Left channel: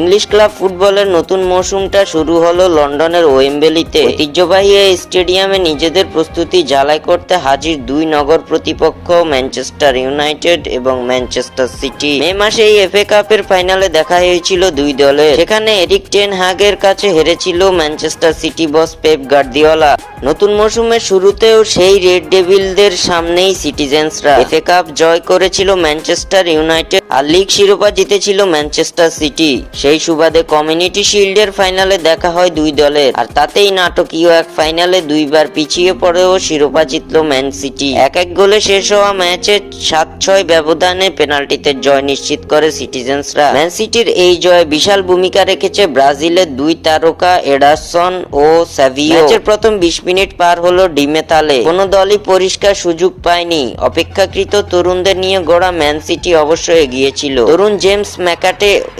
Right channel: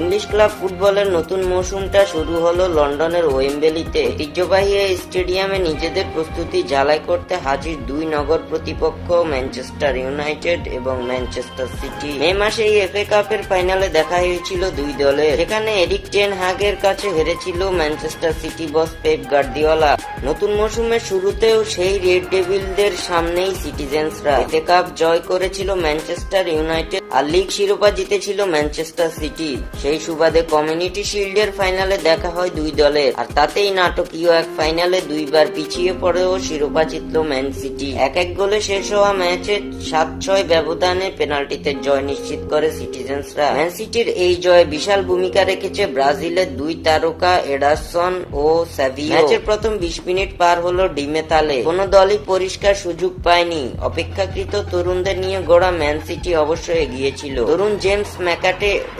English club ফুটবলের নতুন মৌসুমটা শুরু হলো লন্ডনের ওয়েম্বলিতে। ঐতিহ্যবাহী এই স্টেডিয়ামে নিজেদের প্রস্তুতি ঝালাই করতে হাজির দুই নগর প্রতিপক্ষ ম্যানচেস্টার ইউনাইটেড এবং ম্যানচেস্টার সিটি। মে মাসে এই এফএ কাপের ফাইনালে দেখা হয়েছিল দুই দলের, সেখানে এরিক টেন হাগের কাছে হেরেছিল ম্যানচেস্টার সিটি বস পেপ গার্দিওলা। নতুন মৌসুমের শুরুতেও সেই রেড ডেভিলদের সামনেই সিটিজেন্সরা এফএ কাপ জয় করেছিল ম্যানচেস্টার ইউনাইটেড আর লিগ শিরোপা জিতেছিল ম্যানচেস্টার সিটি। সেই সুবাদে কমিউনিটি শিল্ডের ফাইনালে দেখা হয় দুই দলের, আর তাতেই নাটকীয় এক ফাইনালে দুইবার পিছিয়ে পড়েও শিরোপা জিতল ম্যান সিটি। এক গোলে শেষ হওয়া ম্যাচে 7-6 ব্যবধানে পেনাল্টিতে জয় নিশ্চিত করে সিটিজেন্সরা। ম্যান সিটির এই জয়ে বিশাল ভূমিকা রেখেছে ব্রাজিলের দুই তারকা এডারসন ও সাভিও। ম্যাচের প্রথম 20 মিনিট পার হলো ডিমেতালে, কোনো দলই পরিষ্কার সুযোগ পায়নি। অপেক্ষাকৃত তরুণদের নিয়ে গড়া ম্যান সিটি অবশ্য এগিয়েছিল। তরুণ জেমস ম্যাকাটে